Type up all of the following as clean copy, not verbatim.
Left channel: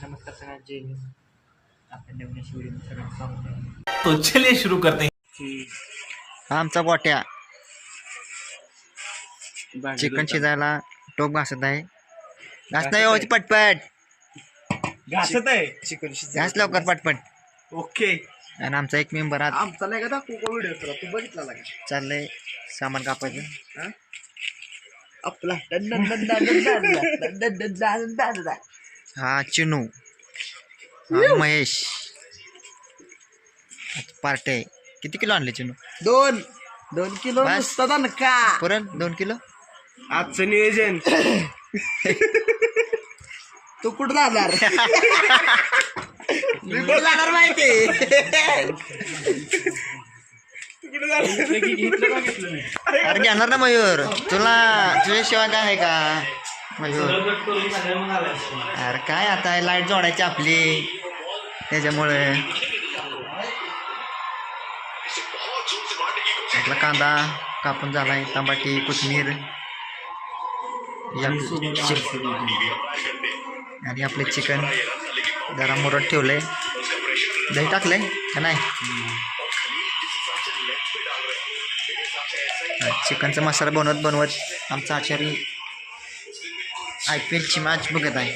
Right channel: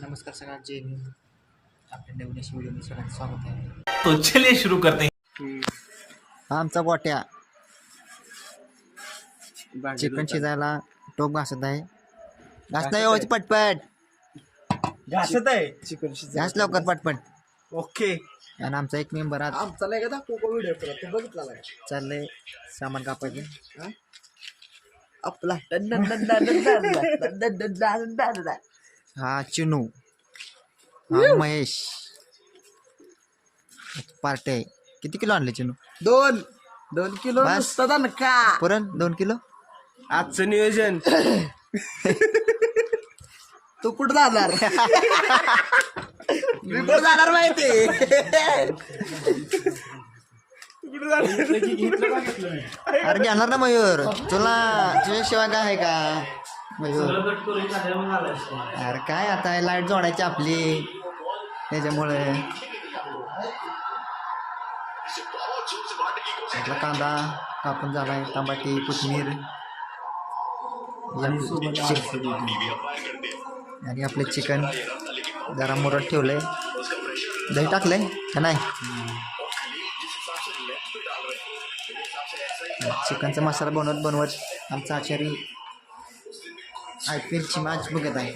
नमस्कार सगळ्यांना जय हिंद. आपल्या नवीन व्हिडिओ सगळ्यांचं स्वागत आहे. तो चलिए शुरू करते हैं. हा आमचा गोट्या चिकन शिजायला टोप घासत आहे. घास नाही होती पटपट घासत आहे चिकन घास लवकर पटपट. ओके. आणि आमचा एक मेंबर आज आमचा नाही का दाखवू व्हिडिओ तू बघितला का चाललंय सामान कापायचं. आपला हा चिनू हा महेश पार्टी आहे. किती किलो आणले चिनू? 2 किलो बस. नुसतं दणका. पुरण 2 किलो. आजचं नियोजन तू कुठं जाणार? मी कुठं जाणार माहिती? अरे घेणार ना मयूर, तुझ्याशिवाय काय आहे का मयूर? अरे काय आता लाईट जोडायची आपली त्याच्यामुळे. आपला कांदा कापून झालाय, टमाटी कोथिंबीर आणि आपले चिकन जरा मुरत ठेवलंय. दही टाकलंय का नाही? चिकनचा मसाला बनवत आमचा आचारी IPL ची मॅच बघत आहे.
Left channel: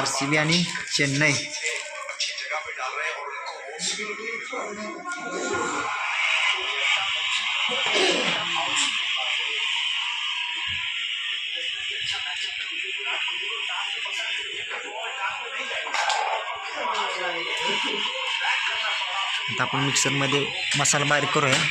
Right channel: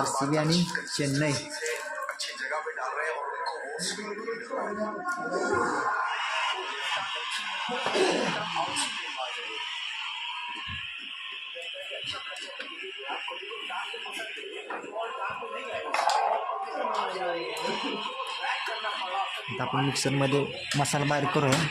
RCB आणि चेन्नई. आता आपण मिक्सरमध्ये मसाला बारीक करूया.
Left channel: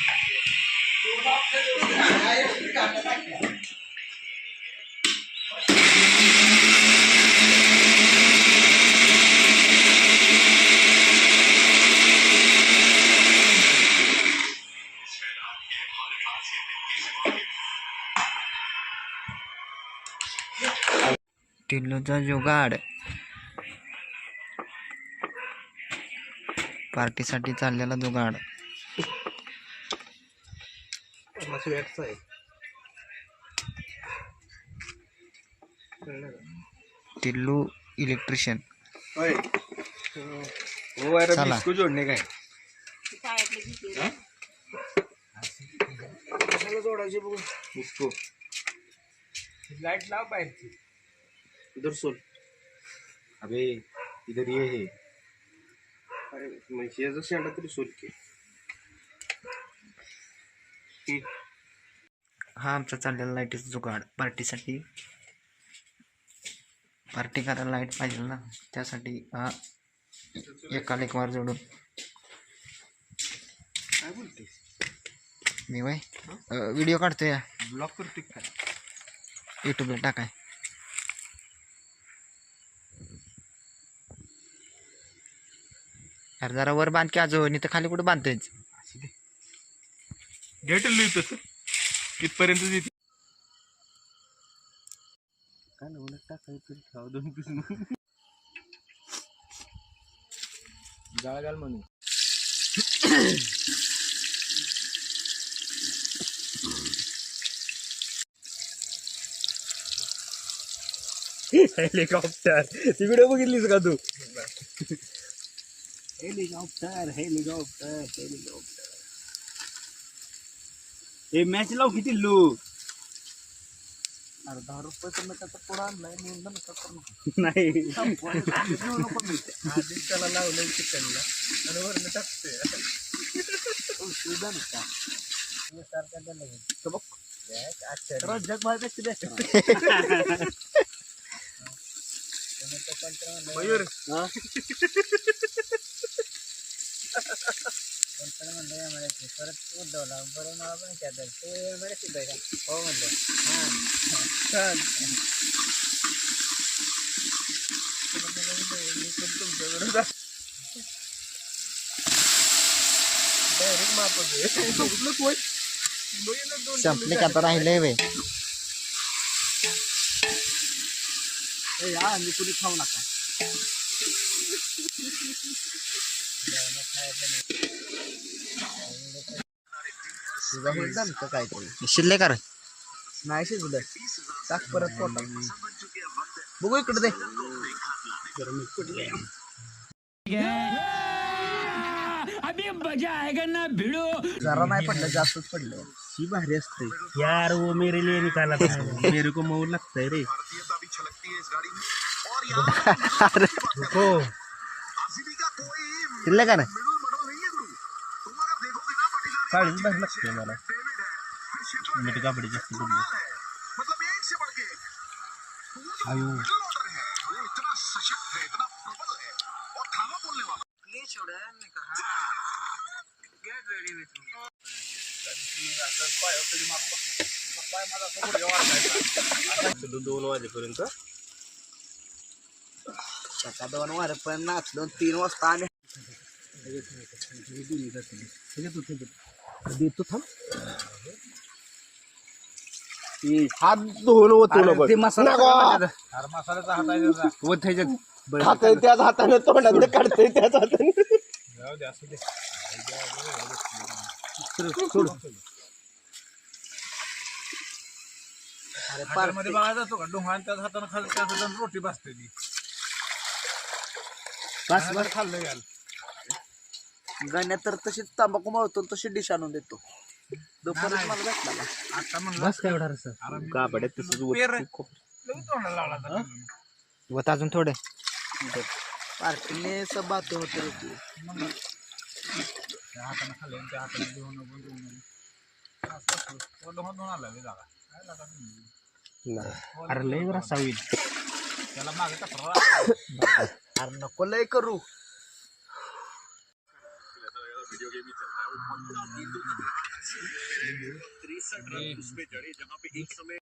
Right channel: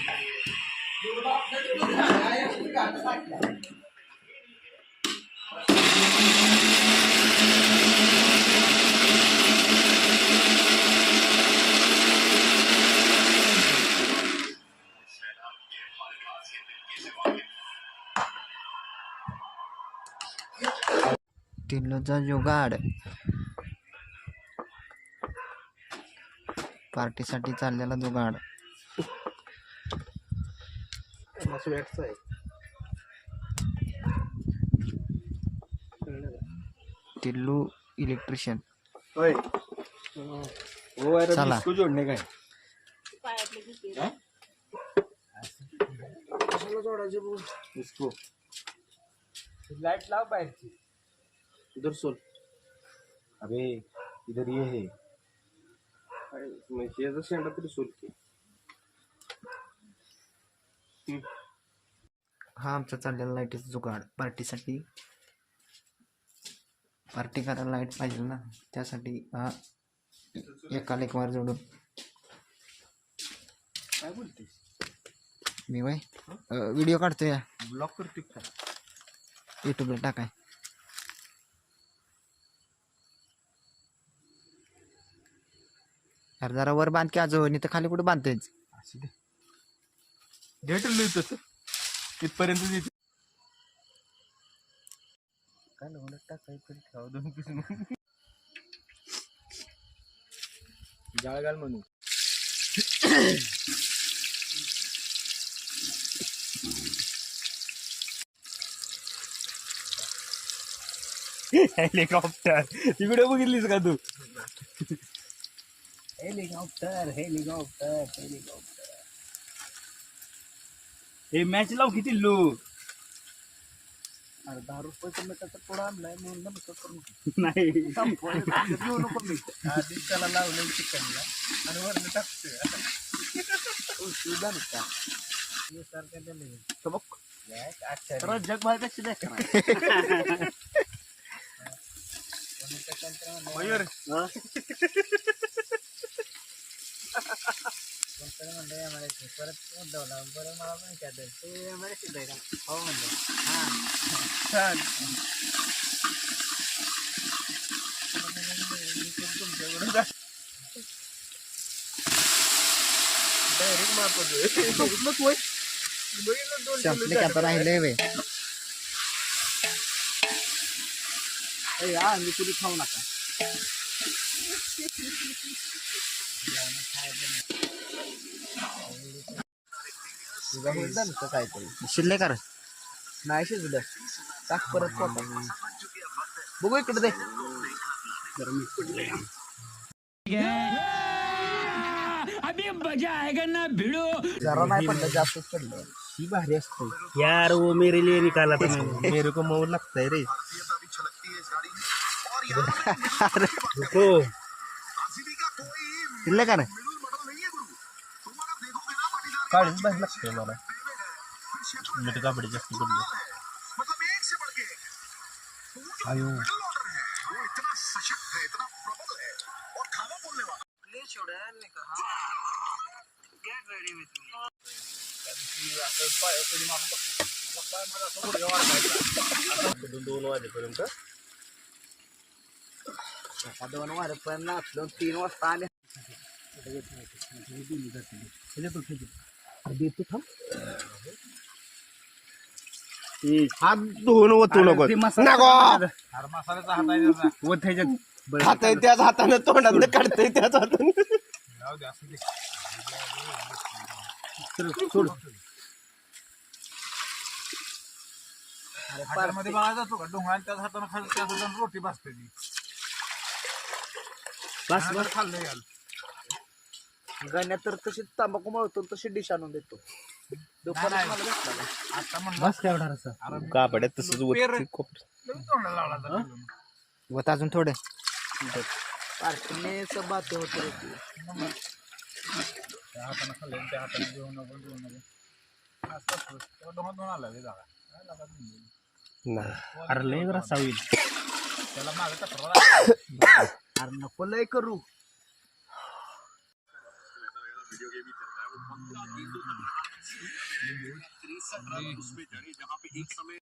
टिल्लूचा जुगाड पार्टीसाठी चाललेला जुगाड. टिल्लू इलेक्ट्रिशियन. चला जोडणे काय जोडायचे बघू. इसको लाईट लाव बाहेरची. इधर सोल. अबे इधर ये है. अरे म्हणजे याचा शेंडा तरी सोल की. हा आमचा चाललेला लाईटीचा जुगाड. पार्टीसाठी पार्टी करायला लाईट पाहिजे ना, त्यासाठी हा एकाला एक वार जोडून. काय बोलतेस? मी बाय व्हिडिओ काढतोय, ब्लॉक करतो काय? यूट्यूबला टाकाय. अरे जरा वर बांध की अजून, इथं खाली कुठे बांधतेच? घेट लिहितो तिथपर्यंत येते. काय ना टाकायचं ठेवा 2 पीस म्हणून. जाळ घाल म्हणून. हेलिकॉप्टर तिकडे बघितलीस का तू? Helicopter helicopter helicopter. हे मॅच लाव किती लो. अरे 10 रुपये मी त्याचा पुढं आणलाय म्हणून नका करू. नाही घेऊ नको मी. आधी त्याला लावलं चिकनला आणि वरनं टाकतोय. तुझा का हे सारखं त्याला बघ. अच्छा जग बाहेर कशी द्या. मयूर परत उद्धवला बरं मला पण विचारतात ते मला शिकाय का? हो म्हणलं छान. संपले की आता राहिले वे. या मी कुठे खाऊ नका. काहीतरी शिल्ले कर नाही शिजलं टाक परत पोटात. बघू इकडे दे जरा नाही पडलं जास्तच पडलं ही भारी असते यार वो मेरे लिए निकाला तुम्ही मेरे को मऊ लागतंय रे हो दिलं का ना काळीच भारी लागते मला मीठ कापडी जास्त पडली अयो दोन वाजेपर्यंत 2 वाजेपर्यंत नाचलो 3 वाजता आणि देतो थांब हात धुवून ओतू नको मसाल्याचा हात आहे त्याचा ओथायच्यात खातंय त्याच हाताने तोंडात काढतंय त्याच हाताने सोड मध्ये बघा जातो का डोंगरान त्याच हाताने खाल्लं त्याच हाताने रोटी भाजते ती बस खाल्लं घ्याल गाण्यात तर तशी तंबाखू मावतो तशी डिश आणून देतो आता म्हणलं बस काय एवढा रसा कापड्यात तसंच वत अजून थोडे पार्टीने सब बात होते त्या हाताने खाल्ले त्या हाताने घेऊन नको असं डोंगर दोन आला जागा काय लागा अरे लय रसा होईल त्याला मागे टपरा अरे नको लय करू जहाँ पे एक समय